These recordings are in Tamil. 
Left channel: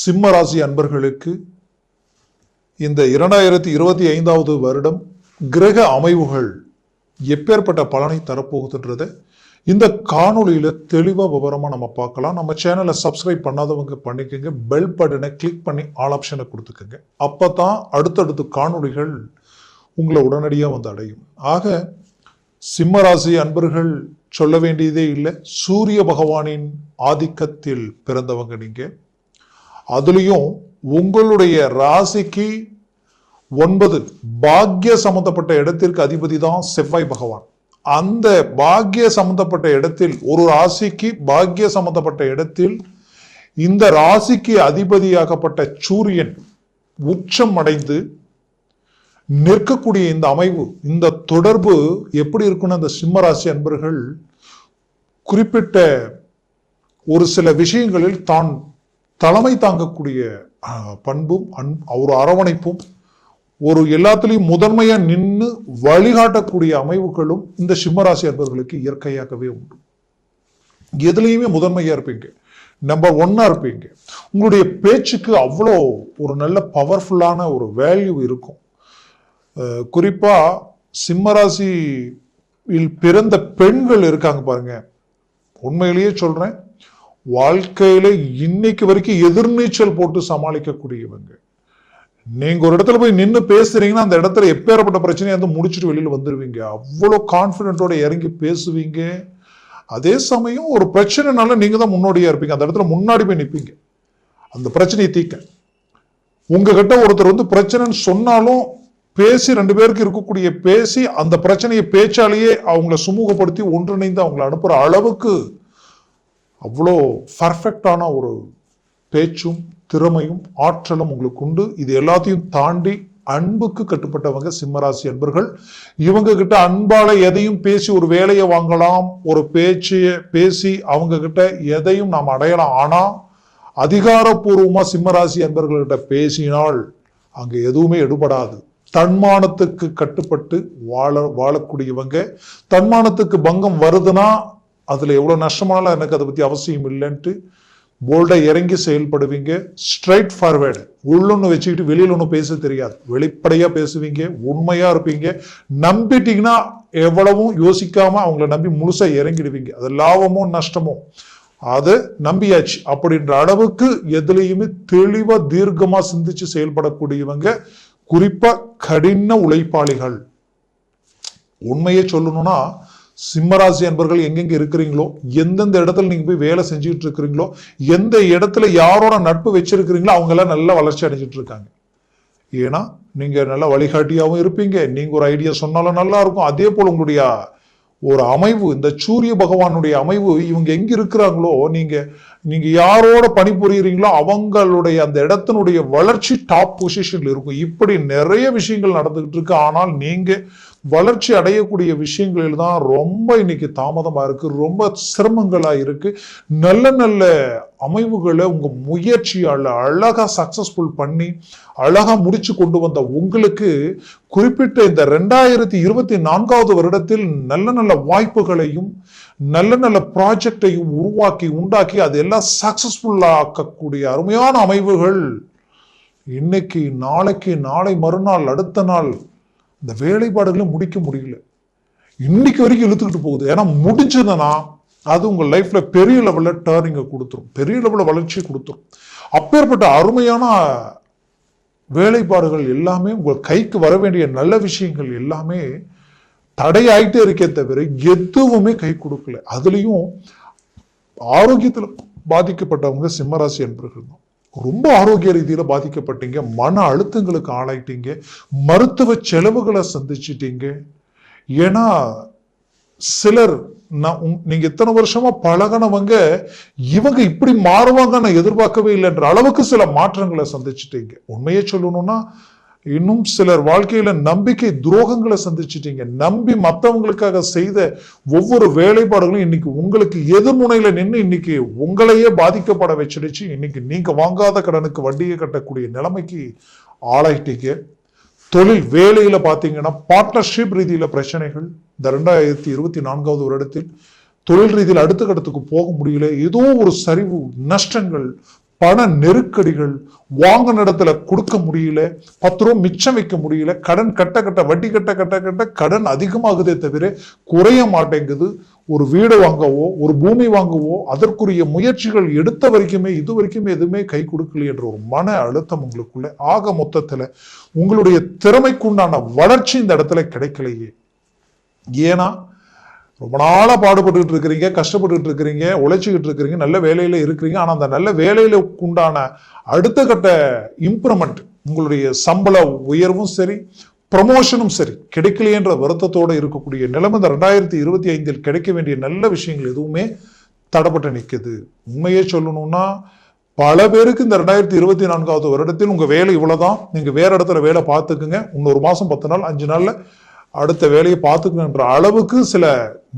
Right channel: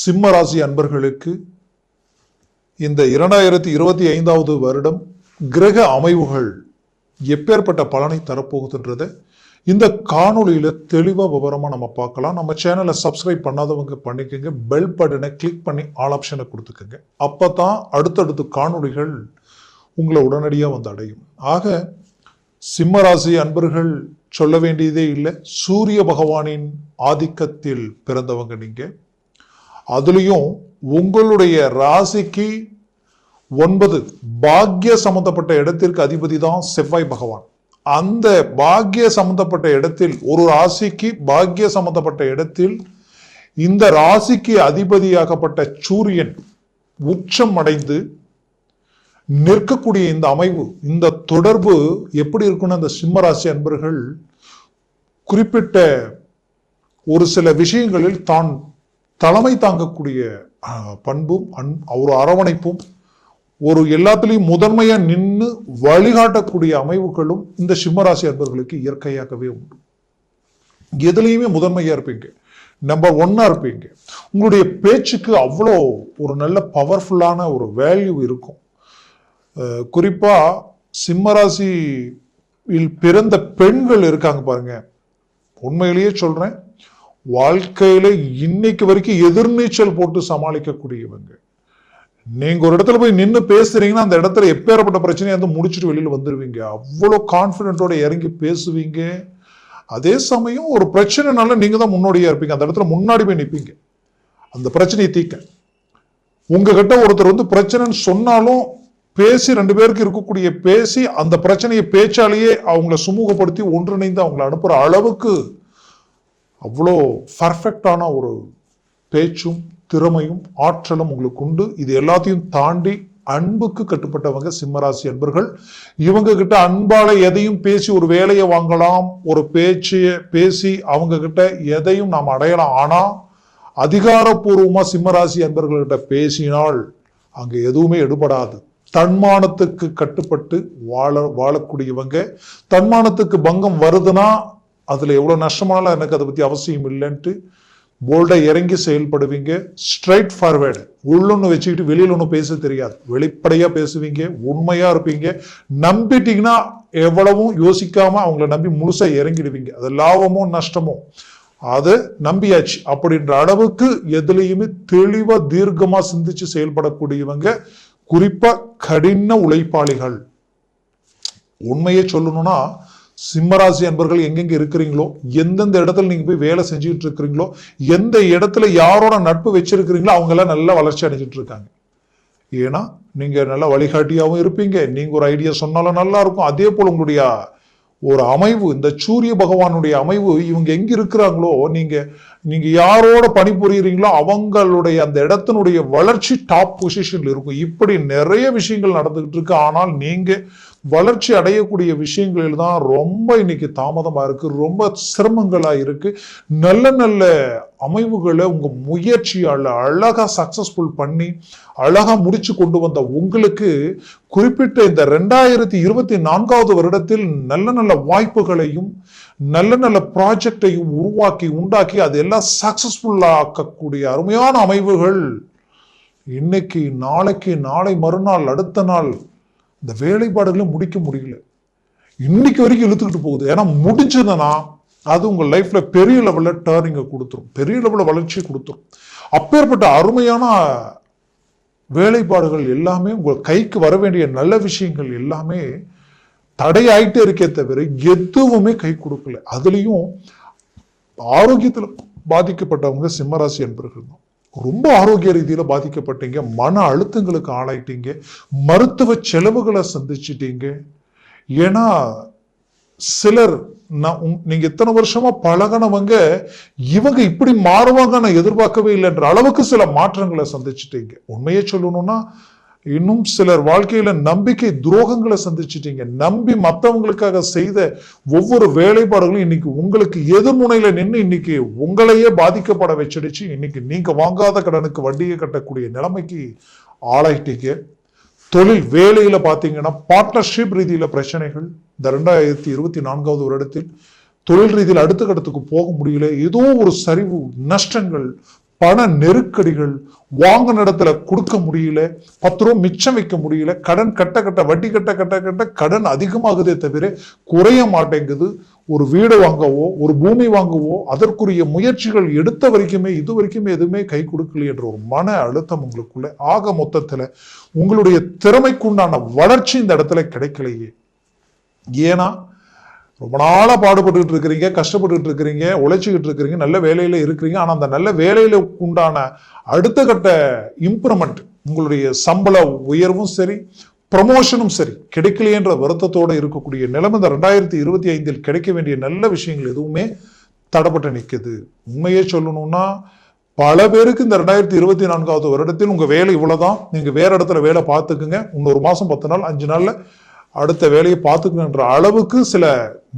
சிம்ம ராசி அன்பர்களுக்கு இந்த 2025வது வருடம் கிரக அமைவுகள் எப்பேற்பட்ட பலனை தரப்போகுதுன்றத இந்த காணொலியில தெளிவா விவரமா நம்ம பார்க்கலாம். நம்ம சேனலை சப்ஸ்கிரைப் பண்ணாதவங்க பண்ணிக்கோங்க, பெல் பட்டனை கிளிக் பண்ணி ஆல் ஆப்ஷனை கொடுத்துக்கோங்க. அப்பதான் அடுத்தடுத்த காணொலிகள் உங்களை உடனடியா வந்து அடையும். ஆக சிம்ம ராசி அன்பர்கள் சொல்ல வேண்டியதே இல்லை. சூரிய பகவானின் ஆதிக்கத்தில் பிறந்தவங்க நீங்க. அதுலயும் உங்களுடைய ராசிக்கு 9 பாக்கிய சம்பந்தப்பட்ட இடத்திற்கு அதிபதி தான் செவ்வாய் பகவான். அந்த பாக்கிய சம்பந்தப்பட்ட இடத்தில், ஒரு ராசிக்கு பாக்கிய சம்பந்தப்பட்ட இடத்தில் இந்த ராசிக்கு அதிபதியாகப்பட்ட சூரியன் உச்சம் அடைந்து நிற்கக்கூடிய இந்த அமைவு, இந்த தொடர்பு எப்படி இருக்குன்னு இந்த சிம்ம ராசி அன்பர்கள் குறிப்பிட்ட ஒரு சில விஷயங்களில் தான் தலைமை தாங்கக்கூடிய பண்பும் ஒரு அரவணைப்பும், ஒரு எல்லாத்திலையும் முதன்மையா நின்று வழிகாட்டக்கூடிய அமைவுகளும் இந்த சிம்மராசி அன்பர்களுக்கு இயற்கையாகவே உண்டு. எதுலையுமே முதன்மையா இருப்பீங்க, நம்பர் 1 இருப்பீங்க. உங்களுடைய பேச்சுக்கு அவ்வளோ ஒரு நல்ல பவர்ஃபுல்லான ஒரு வேல்யூ இருக்கும். குறிப்பா சிம்மராசியில் பிறந்த பெண்கள் இருக்காங்க பாருங்க, உண்மையிலேயே சொல்றேன், வாழ்க்கையில இன்னைக்கு வரைக்கும் எதிர்நீச்சல் போட்டு சமாளிக்கக்கூடியவங்க. நீங்க ஒரு இடத்துல போய் நின்று பேசுறீங்கன்னா அந்த இடத்துல எப்பேற்பட்ட பிரச்சனையை வந்து முடிச்சுட்டு வெளியில வந்துருவீங்க. அவ்வளவு கான்பிடென்ட்டோட இறங்கி பேசுவீங்க. அதே சமயம் ஒரு பிரச்சனைனால நீங்க தான் முன்னோடியா இருப்பீங்க. அந்த இடத்துல முன்னாடி போய் நிற்பீங்க அந்த பிரச்சனையை தீர்க்க. உங்ககிட்ட ஒருத்தர் வந்து பிரச்சனைன்னு சொன்னாலும் பேசி 2 பேருக்கு இருக்கக்கூடிய பேசி அந்த பிரச்சனையை பேச்சாலேயே அவங்கள சுமூகப்படுத்தி ஒன்றிணைந்து அவங்களை அனுப்புற அளவுக்கு அவ்வளோ பர்ஃபெக்டான ஒரு பேச்சும் திறமையும் ஆற்றலும் உங்களுக்கு உண்டு. இது எல்லாத்தையும் தாண்டி அன்புக்கு கட்டுப்பட்டவங்க சிம்மராசி அன்பர்கள். இவங்க கிட்ட அன்பால எதையும் பேசி ஒரு வேலையை வாங்கலாம், ஒரு பேச்சைய பேசி அவங்க கிட்ட எதையும் நாம் அடையலாம். ஆனா அதிகாரப்பூர்வமா சிம்மராசி அன்பர்கள்கிட்ட பேசினால் அங்க எதுவுமே எடுபடாது. தன்மானத்துக்கு கட்டுப்பட்டு வாழக்கூடியவங்க. தன்மானத்துக்கு பங்கம் வருதுன்னா அதுல எவ்வளவு நஷ்டமானாலும் எனக்கு அதை பத்தி அவசியம் இல்லைன்ட்டு போல்டா இறங்கி செயல்படுவீங்க. ஸ்ட்ரைட் ஃபார்வேர்டு, உள்ளொன்னு வச்சுக்கிட்டு வெளியில ஒன்னும் பேச தெரியாது. வெளிப்படையா பேசுவீங்க, உண்மையா இருப்பீங்க. நம்பிட்டீங்கன்னா எவ்வளவும் யோசிக்காம அவங்கள நம்பி முழுசா இறங்கிடுவீங்க. அது லாபமோ நஷ்டமோ அதை நம்பியாச்சு அப்படின்ற அளவுக்கு எதுலையுமே தெளிவா தீர்க்கமா சிந்திச்சு செயல்படக்கூடியவங்க. குறிப்பா கடின உழைப்பாளிகள். உண்மையை சொல்லணும்னா சிம்மராசி அன்பர்கள் எங்கெங்க இருக்கிறீங்களோ, எந்தெந்த இடத்துல நீங்க போய் வேலை செஞ்சுட்டு இருக்கிறீங்களோ, எந்த இடத்துல யாரோட நட்பு வச்சிருக்கிறீங்களோ அவங்க எல்லாம் நல்ல வளர்ச்சி அடைஞ்சிட்டு இருக்காங்க. ஏன்னா நீங்க நல்ல வழிகாட்டியாவும் இருப்பீங்க. நீங்க ஒரு ஐடியா சொன்னாலும் நல்லா இருக்கும். அதே போல உங்களுடைய ஒரு அமைவு, இந்த சூரிய பகவானுடைய அமைவு, இவங்க எங்க இருக்கிறாங்களோ, நீங்க யாரோட பணிபுரியுறீங்களோ அவங்களுடைய அந்த இடத்தினுடைய வளர்ச்சி டாப் பொசிஷன்ல இருக்கும். இப்படி நிறைய விஷயங்கள் நடந்துகிட்டு இருக்கு. ஆனால் நீங்க வளர்ச்சி அடையக்கூடிய விஷயங்களில் தான் ரொம்ப இன்னைக்கு தாமதமா இருக்கு, ரொம்ப சிரமங்களா இருக்கு. நல்ல நல்ல அமைவுகளை உங்க முயற்சியால அழகா சக்சஸ்ஃபுல் பண்ணி அழகா முடிச்சு கொண்டு வந்த உங்களுக்கு குறிப்பிட்ட இந்த 2024வது வருடத்தில் நல்ல நல்ல வாய்ப்புகளையும் நல்ல நல்ல ப்ராஜெக்டையும் உருவாக்கி உண்டாக்கி அதெல்லாம் சக்சஸ்ஃபுல்லா ஆக்கக்கூடிய அருமையான அமைவுகள் இன்னைக்கு, நாளைக்கு, நாளை மறுநாள், அடுத்த நாள் இந்த வேலைப்பாடுகளும் முடிக்க முடியல. இன்னைக்கு வரைக்கும் இழுத்துக்கிட்டு போகுது. ஏன்னா முடிஞ்சதுன்னா அது உங்க லைஃப்ல பெரிய லெவல்ல டர்னிங்கை கொடுத்துரும், பெரிய லெவல்ல வளர்ச்சி கொடுத்துரும். அப்பேற்பட்ட அருமையான வேலைப்பாடுகள் எல்லாமே உங்க கைக்கு வர வேண்டிய நல்ல விஷயங்கள் எல்லாமே தடையாயிட்டே இருக்கே தவிர எதுவுமே கை கொடுக்கல. அதுலயும் ஆரோக்கியத்துல பாதிக்கப்பட்டவங்க சிம்மராசி என்பவர்கள் தான். ரொம்ப ஆரோக்கிய ரீதியில பாதிக்கப்பட்டீங்க, மன அழுத்தங்களுக்கு ஆளாயிட்டீங்க, மருத்துவ செலவுகளை சந்திச்சிட்டீங்க. ஏன்னா சிலர் நீங்க எத்தனை வருஷமா பழகினவங்க இவங்க இப்படி மாறுவாங்க நான் எதிர்பார்க்கவே இல்லைன்ற அளவுக்கு சில மாற்றங்களை சந்திச்சிட்டீங்க. உண்மையே சொல்லணும்னா இன்னும் சிலர் வாழ்க்கையில நம்பிக்கை துரோகங்களை சந்திச்சிட்டீங்க. நம்பி மற்றவங்களுக்காக செய்த ஒவ்வொரு வேலைப்பாடுகளும் இன்னைக்கு உங்களுக்கு எதிர்முனையில நின்று இன்னைக்கு உங்களையே பாதிக்கப்பட வச்சிடுச்சு. இன்னைக்கு நீங்க வாங்காத கடனுக்கு வண்டியை கட்டக்கூடிய நிலைமைக்கு ஆளாயிட்டீங்க. தொழில் வேலையில பாத்தீங்கன்னா பார்ட்னர்ஷிப் ரீதியில பிரச்சனைகள். இந்த 2024வது வருடத்தில் தொழில் ரீதியில் அடுத்த கட்டத்துக்கு போக முடியல. ஏதோ ஒரு சரிவு, நஷ்டங்கள், பண நெருக்கடிகள், வாங்கின இடத்துல கொடுக்க முடியல, 10 ரூபா மிச்சம் வைக்க முடியல, கடன் கட்ட வட்டி கட்ட கடன் அதிகமாகுதே தவிர குறைய மாட்டேங்குது. ஒரு வீடு வாங்கவோ ஒரு பூமி வாங்கவோ அதற்குரிய முயற்சிகள் எடுத்த வரைக்குமே இது வரைக்குமே எதுவுமே கை கொடுக்கல என்ற ஒரு மன அழுத்தம் உங்களுக்குள்ள. ஆக மொத்தத்துல உங்களுடைய திறமைக்குண்டான வளர்ச்சி இந்த இடத்துல கிடைக்கலையே. ஏன்னா ரொம்ப நாளா பாடுபட்டு இருக்கிறீங்க, கஷ்டப்பட்டு இருக்கிறீங்க, உழைச்சிக்கிட்டு இருக்கிறீங்க, நல்ல வேலையில இருக்கிறீங்க. ஆனா அந்த நல்ல வேலையில உண்டான அடுத்த கட்ட இம்ப்ரூவ்மெண்ட், உங்களுடைய சம்பள உயர்வும் சரி, ப்ரமோஷனும் சரி கிடைக்கலையென்ற வருத்தத்தோடு இருக்கக்கூடிய நிலைமை இந்த 2025 கிடைக்க வேண்டிய நல்ல விஷயங்கள் எதுவுமே தடைப்பட்டு நிற்குது. உண்மையே சொல்லணும்னா பல பேருக்கு இந்த 2024 வருடத்தில் உங்க வேலை இவ்வளவுதான், நீங்க வேற இடத்துல வேலை பார்த்துக்குங்க, இன்னொரு மாசம் 10 நாள் 5 நாள்ல அடுத்த வேலையை பார்த்துக்கன்ற அளவுக்கு சில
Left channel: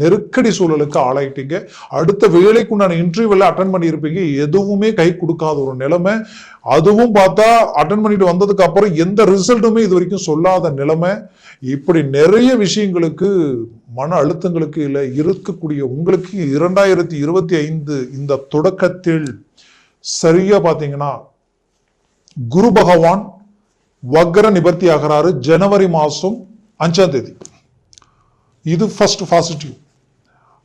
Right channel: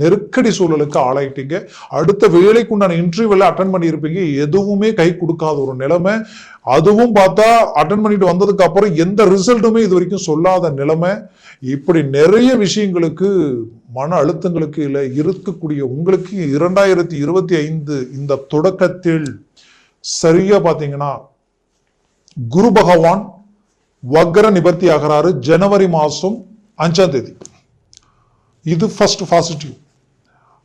நெருக்கடி சூழலுக்கு ஆளாயிட்டீங்க. அடுத்த வேலைக்கு உண்டான இன்டர்வியூ எல்லாம் அட்டன் பண்ணியிருப்பீங்க, எதுவுமே கை கொடுக்காத ஒரு நிலைமை. அதுவும் பார்த்தா அட்டன் பண்ணிட்டு வந்ததுக்கு அப்புறம் எந்த ரிசல்ட்டுமே இது வரைக்கும் சொல்லாத நிலைமை. இப்படி நிறைய விஷயங்களுக்கு மன அழுத்தங்களுக்கு இல்ல இருக்கக்கூடிய உங்களுக்கு 2025 இந்த தொடக்கத்தில் சரியா பாத்தீங்கன்னா குரு பகவான் வக்ர நிவர்த்தி ஆகிறாரு ஜனவரி மாசம் 5ஆம் தேதி. இது ஃபர்ஸ்ட் பாசிட்டிவ்.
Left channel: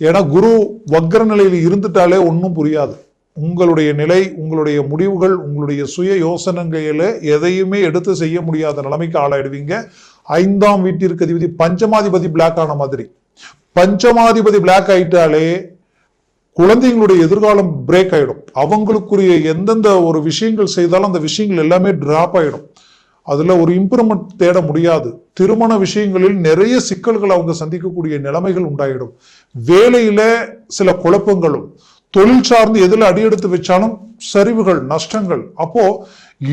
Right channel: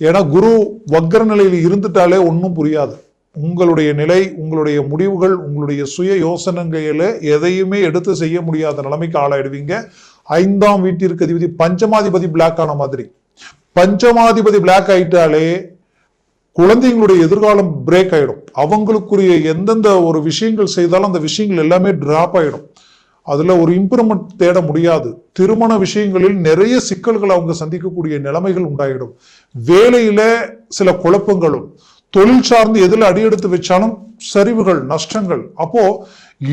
ஏன்னா குரு வக்ர நிலையில இருந்துட்டாலே ஒன்னும் புரியாது. உங்களுடைய நிலை, உங்களுடைய முடிவுகள், உங்களுடைய சுய யோசனைகளை எதையுமே எடுத்து செய்ய முடியாத நிலைமைக்கு ஆளாயிடுவீங்க. 5ஆம் வீட்டிற்கு அதிபதி பஞ்சமாதிபதி பிளாக் ஆன மாதிரி. பஞ்சமாதிபதி பிளாக் ஆயிட்டாலே குழந்தைங்களுடைய எதிர்காலம் பிரேக் ஆயிடும். அவங்களுக்குரிய எந்தெந்த ஒரு விஷயங்கள் செய்தாலும் அந்த விஷயங்கள் எல்லாமே டிராப் ஆயிடும். அதுல ஒரு இம்ப்ரூவ்மெண்ட் தேட முடியாது. திருமண விஷயங்களில் நிறைய சிக்கல்கள் அவங்க சந்திக்கக்கூடிய நிலைமைகள் உண்டாயிடும். வேலையில சில குழப்பங்களும், தொழில் சார்ந்து எதுல அடி எடுத்து வச்சாலும் சரிவுகள், நஷ்டங்கள். அப்போ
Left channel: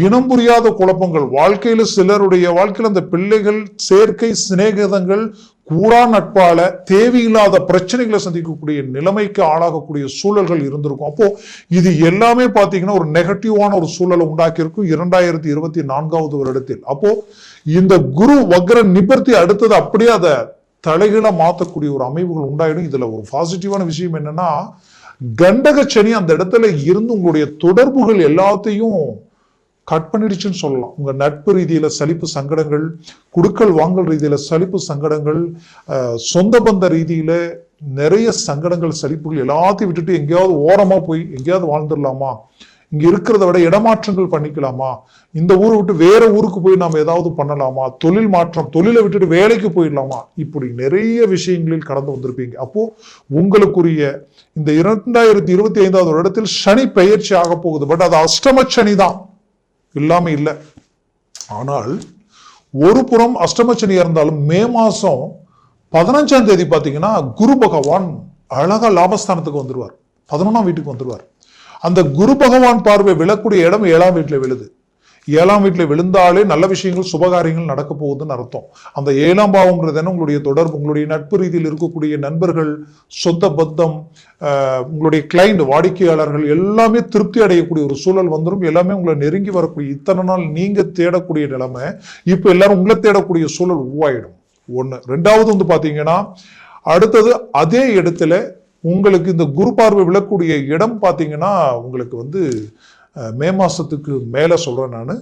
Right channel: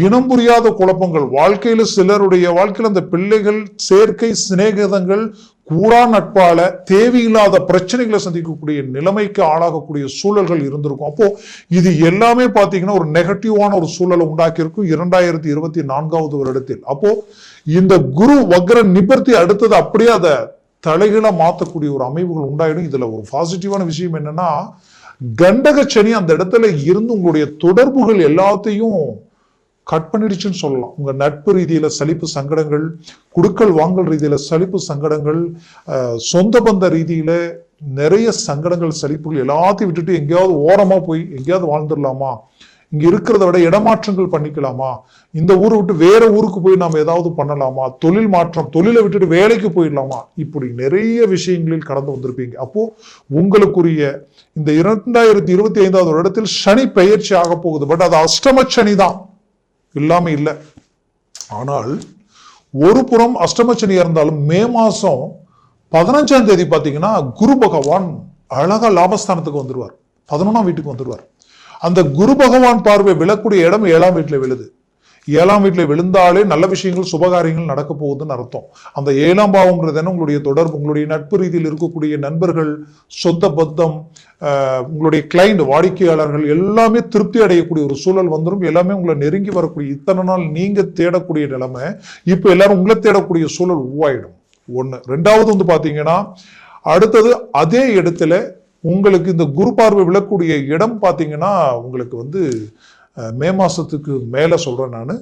இனம் புரியாத குழப்பங்கள் வாழ்க்கையில, சிலருடைய வாழ்க்கையில அந்த பிள்ளைகள் சேர்க்கை, சிநேகிதங்கள், கூடா நட்பால தேவையில்லாத பிரச்சனைகளை சந்திக்கக்கூடிய நிலைமைக்கு ஆளாகக்கூடிய சூழல்கள் இருந்திருக்கும். அப்போ இது எல்லாமே பாத்தீங்கன்னா ஒரு நெகட்டிவான ஒரு சூழலை உண்டாக்கி இருக்கும் 2024 வருடத்தில். அப்போ இந்த குரு வக்ர நிவர்த்தி அடுத்தது அப்படியே அதை தலைகீழ மாத்தக்கூடிய ஒரு அமைவுகள் உண்டாயிடும். இதுல ஒரு பாசிட்டிவான விஷயம் என்னன்னா, கண்டக சனி அந்த இடத்துல இருந்து உங்களுடைய தொடர்புகள் எல்லாத்தையும் கட் பண்ணிடுச்சுன்னு சொல்லலாம். உங்க நட்பு ரீதியில சலிப்பு சங்கடங்கள், குடுக்கல் வாங்கல் ரீதியில சலிப்பு சங்கடங்கள், சொந்த பந்த ரீதியில நிறைய சங்கடங்கள், சலிப்புகள் எல்லாத்தையும் விட்டுட்டு எங்கேயாவது ஓரமா போய் எங்கேயாவது வாழ்ந்துடலாமா, இங்க இருக்கிறத விட இடமாற்றங்கள் பண்ணிக்கலாமா, இந்த ஊரை விட்டு வேற ஊருக்கு போய் நாம ஏதாவது பண்ணலாமா, தொழில் மாற்றம், தொழிலை விட்டுட்டு வேலைக்கு போயிடலாமா, இப்படி நிறைய விஷயங்களில் கடந்து வந்திருப்பீங்க. அப்போ உங்களுக்குரிய இந்த 2025 வருடத்தில் சனி பெயர்ச்சி ஆக போகுது. பட் அது அஷ்டம சனி தான், இல்லாம இல்லை. ஆனால் ஒரு புறம் அஷ்டமச்சனியா இருந்தாலும் மே மாசம் 15ஆம் தேதி பாத்தீங்கன்னா குரு பகவான் அழகா லாபஸ்தானத்துக்கு வந்துருவார், 11ஆம் வீட்டுக்கு வந்துருவார். அந்த குரு பகவான் பார்வை விழக்கூடிய இடம் 7ஆம் வீட்டுல விழுது. 7ஆம் வீட்டுல விழுந்தாலே நல்ல விஷயங்கள், சுபகாரியங்கள் நடக்க போகுதுன்னு அர்த்தம். அந்த 7ஆம் பாவம்ன்றது என்ன, உங்களுடைய தொடர்பு, உங்களுடைய நட்பு ரீதியில் இருக்கக்கூடிய நண்பர்கள், சொந்த பந்தம், உங்களுடைய கிளைண்ட், வாடிக்கையாளர்கள் எல்லாமே திருப்தி அடையக்கூடிய ஒரு சூழல் வந்துடும். எல்லாமே உங்களை நெருங்கி வரக்கூடிய, இத்தனை நாள் நீங்க தேடக்கூடிய நிலைமை இப்ப எல்லாரும் உங்களை தேடக்கூடிய சூழல் உருவாயிடும். ஒண்ணு. ரெண்டாவது வந்து பாத்தீங்கன்னா அடுத்தது அதே இடத்துல உங்களுக்கு இந்த குரு பார்வை விழக்கூடிய இடம் பாத்தீங்கன்னா உங்களுக்கு வந்து மே மாசத்துக்கு மேல சொல்றேன் நானு,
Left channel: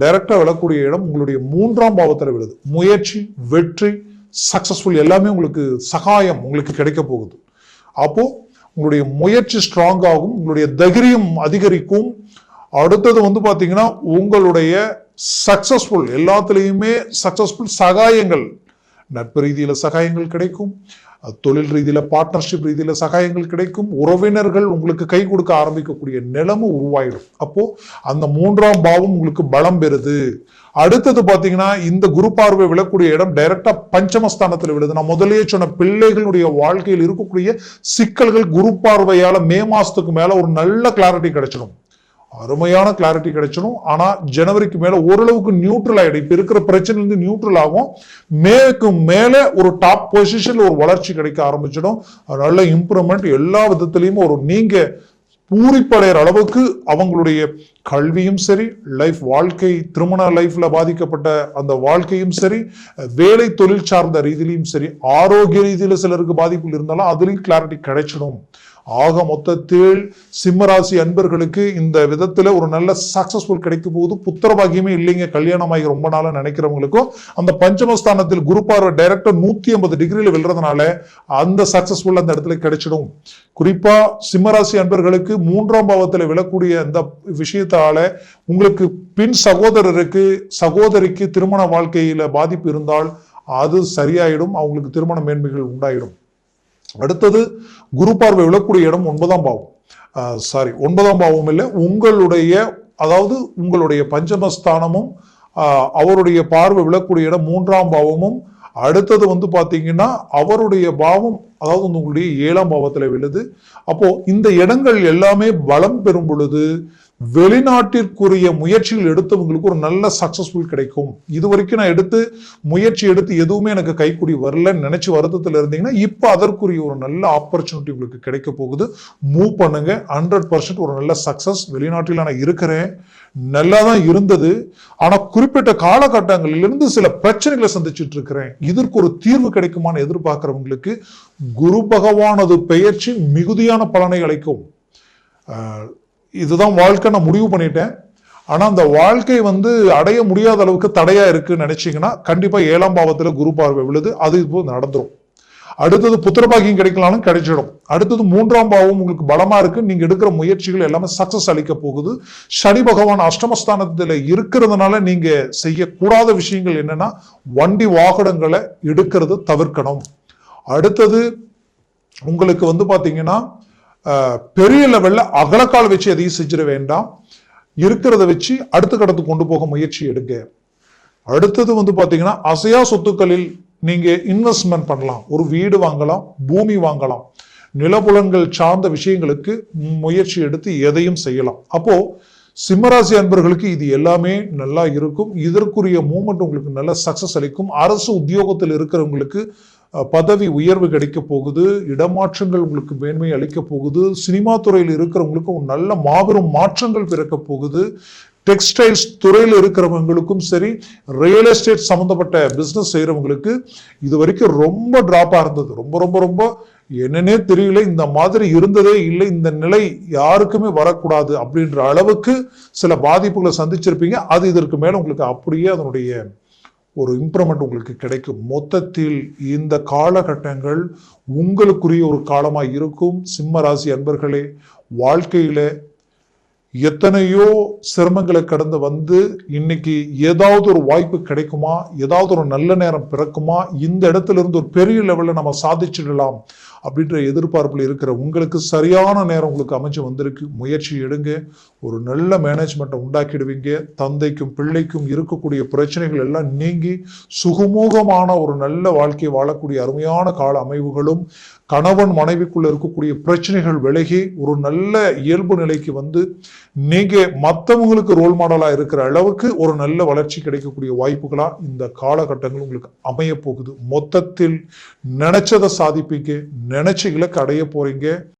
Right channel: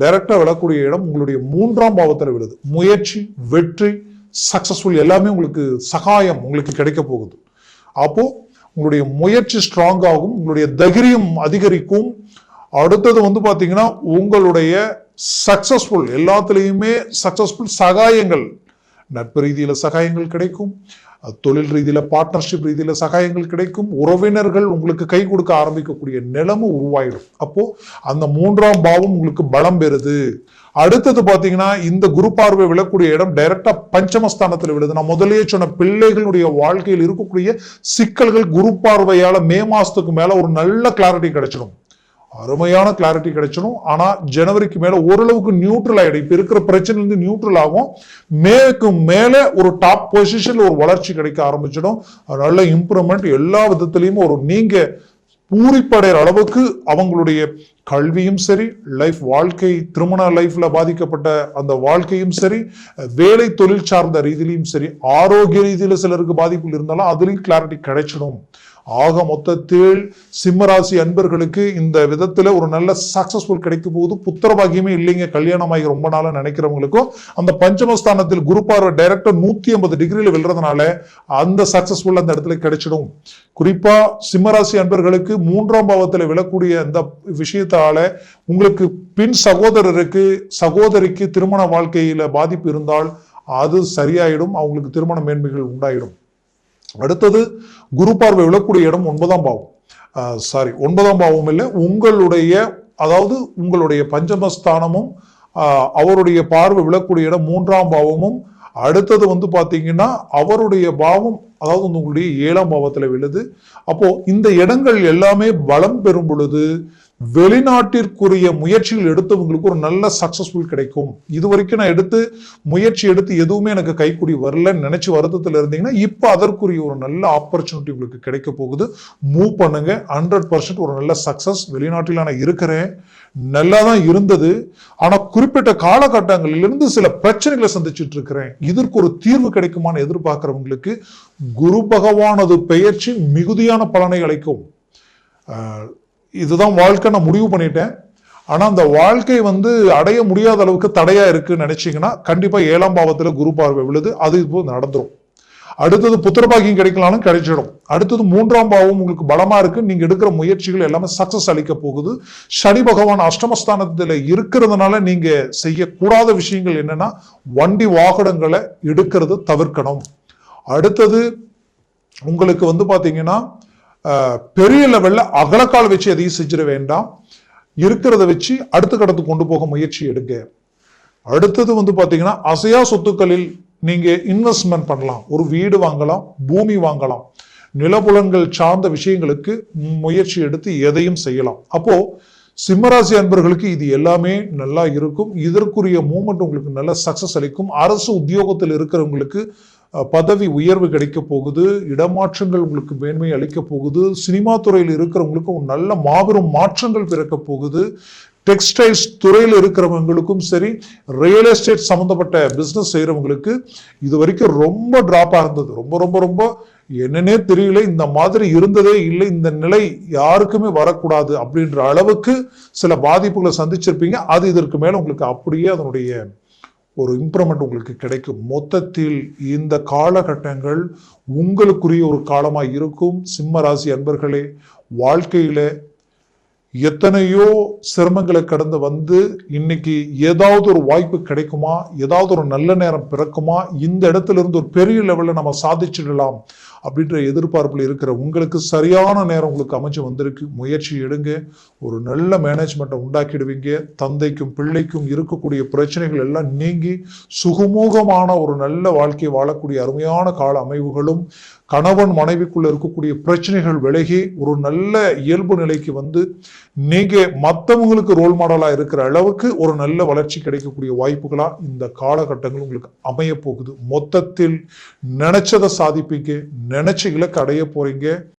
டைரக்டா விழக்கூடிய இடம் உங்களுடைய 3ஆம் பாவத்துல விழுது. முயற்சி, வெற்றி, சக்சஸ்ஃபுல் எல்லாமே உங்களுக்கு சகாயம் உங்களுக்கு கிடைக்க போகுது. அப்போ உங்களுடைய முயற்சி ஸ்ட்ராங் ஆகும், உங்களுடைய தைரியம் அதிகரிக்கும். அடுத்தது வந்து பாத்தீங்கன்னா உங்களுடைய சக்சஸ்ஃபுல் எல்லாத்துலயுமே சக்சஸ்ஃபுல் சகாயங்கள், நட்பு ரீதியில சகாயங்கள் கிடைக்கும், தொழில் ரீதியில பார்ட்னர்ஷிப் ரீதியில சகாயங்கள் கிடைக்கும், உறவினர்கள் உங்களுக்கு கை கொடுக்க ஆரம்பிக்கக்கூடிய நிலைமை உருவாயிடும். அப்போ அந்த 3ஆம் பாவம் உங்களுக்கு பலம் பெறுது. அடுத்தது பாத்தீங்கன்னா இந்த குரு பார்வை விழக்கூடிய இடம் டைரக்டா பஞ்சமஸ்தானத்துல விழுது. நான் முதலே சொன்ன பிள்ளைகளுடைய வாழ்க்கையில் இருக்கக்கூடிய சிக்கல்கள் குரு பார்வையால மே மாசத்துக்கு மேல ஒரு நல்ல கிளாரிட்டி கிடைச்சிடும், அருமையான கிளாரிட்டி கிடைச்சிடும். ஆனா ஜனவரிக்கு மேல ஓரளவுக்கு நியூட்ரல் ஆயிடும். இப்ப இருக்கிற பிரச்சனை இருந்து நியூட்ரல் ஆகும். மேற்கு மேல ஒரு டாப் பொசிஷன்ல ஒரு வளர்ச்சி கிடைக்க ஆரம்பிச்சிடும். நல்ல இம்ப்ரூவ்மெண்ட் எல்லா விதத்திலையும் ஒரு நீங்க பூரிப்படைகிற அளவுக்கு அவங்களுடைய கல்வியும் சரி, லைஃப் வாழ்க்கை, திருமண லைஃப்ல பாதிக்கப்பட்ட அந்த வாழ்க்கையும் சரி, வேலை தொழில் சார்ந்த ரீதியிலும் சரி, ஆரோக்கிய ரீதியில சிலருக்கு பாதிப்புகள் இருந்தாலும் அதுலயும் கிளாரிட்டி கிடைச்சிடும். ஆக மொத்தத்தில் சிம்மராசி அன்பர்களுக்கு இந்த விதத்துல ஒரு நல்ல சக்சஸ்ஃபுல் கிடைக்கும் போது புத்திர பாக்கியமே இல்லைங்க, கல்யாணமாகி ரொம்ப நாளா நினைக்கிறவங்களுக்கும் அந்த பஞ்சமஸ்தானத்தில் குரு பார்வை டைரக்டா 180 டிகிரியில விழுறதுனால அந்த சக்சஸ்ஃபுல் அந்த இடத்துல கிடைச்சிடும். குறிப்பா சிம்மராசி அன்பர்களுக்கு 3ஆம் பாவத்தில் விழக்கூடிய அந்த விஷயத்தால உங்களுக்கு பின் சகோதரருக்கு சகோதரிக்கு திருமண வாழ்க்கையில பாதிப்பு இருந்தால் அது சரியாயிடும், அவங்களுக்கு திருமண மேன்மைகள் உண்டாயிடும். அடுத்தது குரு பார்வை விழக்கூடிய இடம் 9ஆம் பாவம். 9ஆம் பாவம் இல்ல, உங்களுடைய அதாவது உங்களுடைய பஞ்சமஸ்தானமும் அவருடைய பார்வை விழக்கூடிய இடம் 3ஆம் பாவமும். அடுத்தது பாத்தீங்கன்னா அவருடைய பாவம் அதாவது உங்களுடைய 7ஆம் பாவத்துல விழுது. அப்போ இந்த இடங்கள் எல்லாமே பலம் பெறும் பொழுது வெளிநாட்டிற்குரிய முயற்சிகள் எடுத்தவங்களுக்கு ஒரு நல்ல சக்சஸ்ஃபுல் கிடைக்கும். இது வரைக்கும் நான் முயற்சி எடுத்து எதுவுமே எனக்கு கைக்கூடி வரலன்னு நினைச்சு வருத்தத்தில் இருந்தீங்கன்னா இப்ப அதற்குரிய ஒரு நல்ல ஆப்பர்ச்சுனிட்டி உங்களுக்கு கிடைக்க போகுது. மூவ் பண்ணுங்க, 100% ஒரு நல்ல சக்சஸ். வெளிநாட்டில் நான் இருக்கிறேன், நல்லாதான் இருந்தது, ஆனா குறிப்பிட்ட காலகட்டங்களிலிருந்து சில பிரச்சனைகளை சந்திச்சுட்டு இருக்கிறேன், இதற்கு ஒரு தீர்வு கிடைக்குமான்னு எதிர்பார்க்கிறவங்களுக்கு குரு பகவானது பெயர்ச்சி மிகுதியான பலனை அளிக்கும். இதுதான் வாழ்க்கை, நான் முடிவு பண்ணிட்டேன், ஆனா அந்த வாழ்க்கை அடைய முடியாத அளவுக்கு தடையா இருக்குன்னு நினைச்சீங்கன்னா கண்டிப்பா 7ஆம் பாவத்துல குரு பார்வை விழுது, அது இப்போ நடந்துரும். அடுத்தது புத்திரபாகியம் கிடைக்கலாலும் கிடைச்சிடும். அடுத்தது 3ஆம் பாவம் உங்களுக்கு பலமா இருக்கு, நீங்க எடுக்கிற முயற்சிகள் எல்லாமே சக்சஸ் அளிக்க போகுது. சனி பகவான் அஷ்டமஸ்தானத்துல இருக்கிறதுனால நீங்க செய்யக்கூடாத விஷயங்கள் என்னன்னா வண்டி வாகனங்களை எடுக்கிறது தவிர்க்கணும். அடுத்தது உங்களுக்கு பாத்தீங்கன்னா பெரிய லெவல்ல அகலக்கால் வச்சு எதையும் செஞ்சிட வேண்டாம், இருக்கிறத வச்சு அடுத்த கடத்துக்கு கொண்டு போக முயற்சி எடுங்க. அடுத்தது பாத்தீங்கன்னா அசையா சொத்துக்களில் நீங்க இன்வெஸ்ட்மெண்ட் பண்ணலாம், ஒரு வீடு வாங்கலாம், பூமி வாங்கலாம், நிலப்புலன்கள் சார்ந்த விஷயங்களுக்கு முயற்சி எடுத்து எதையும் செய்யலாம். அப்போ சிம்மராசி அன்பர்களுக்கு இது எல்லாமே நல்லா இருக்கும். இதற்குரிய மூமெண்ட் உங்களுக்கு நல்ல சக்சஸ் அளிக்கும். அரசு உத்தியோகத்தில் இருக்கிறவங்களுக்கு பதவி உயர்வு கிடைக்க போகுது, இடமாற்றங்கள் உங்களுக்கு மேன்மை அளிக்க போகுது. சினிமா துறையில் இருக்கிறவங்களுக்கு ஒரு நல்ல மாபெரும் மாற்றங்கள் பிறக்க போகுது. டெக்ஸ்டைல்ஸ் துறையில் இருக்கிறவங்களுக்கும் சரி, ரியல் எஸ்டேட் சம்பந்தப்பட்ட பிசினஸ் செய்யறவங்களுக்கு இது வரைக்கும் ரொம்ப டிராப்பா இருந்தது, ரொம்ப ரொம்ப ரொம்ப என்னன்னே தெரியல, இந்த மாதிரி இருந்ததே இல்லை, இந்த நிலை யாருக்குமே வரக்கூடாது அப்படின்ற அளவுக்கு சில பாதிப்புகளை சந்திச்சிருப்பீங்க. அது இதற்கு மேல உங்களுக்கு அப்படியே அதனுடைய ஒரு இம்ப்ரூவ்மெண்ட் உங்களுக்கு கிடைக்கும். மொத்தத்தில் இந்த காலகட்டங்கள் உங்களுக்குரிய ஒரு காலமா இருக்கும். சிம்ம ராசி அன்பர்களே, வாழ்க்கையில எத்தனையோ சிரமங்களை கடந்து இன்னைக்கு ஏதாவது ஒரு வாய்ப்பு கிடைக்குமா, ஏதாவது ஒரு நல்ல நேரம் பிறக்குமா, இந்த இடத்துல இருந்து ஒரு பெரிய லெவல்ல நம்ம சாதிச்சிடலாம் அப்படின்ற எதிர்பார்ப்புல இருக்கிற உங்களுக்கு சரியான நேரம் உங்களுக்கு அமைஞ்சு வந்திருக்கு. முயற்சி எடுங்க, ஒரு நல்ல மேனேஜ்மெண்ட் உண்டாக்கிடுவீங்க. தந்தைக்கும் பிள்ளைக்கும் இருக்கக்கூடிய பிரச்சனைகள் எல்லாம் நீங்கி சுகமூகமான ஒரு நல்ல வாழ்க்கை வாழக்கூடிய அருமையான கால அமைவுகளும், கணவன் மனைவிக்குள்ள இருக்கக்கூடிய பிரச்சனைகள் விலகி ஒரு நல்ல இயல்பு நிலைக்கு நீங்க மற்றவங்களுக்கு ரோல் மாடலா இருக்கிற அளவுக்கு ஒரு நல்ல வளர்ச்சி கிடைக்கக்கூடிய வாய்ப்புகளா இந்த காலகட்டங்கள் உங்களுக்கு அமைய போகுது. மொத்தத்தில் நினைச்சதை சாதிப்பீங்க, நினைச்ச இலக்கு அடைய போறீங்க.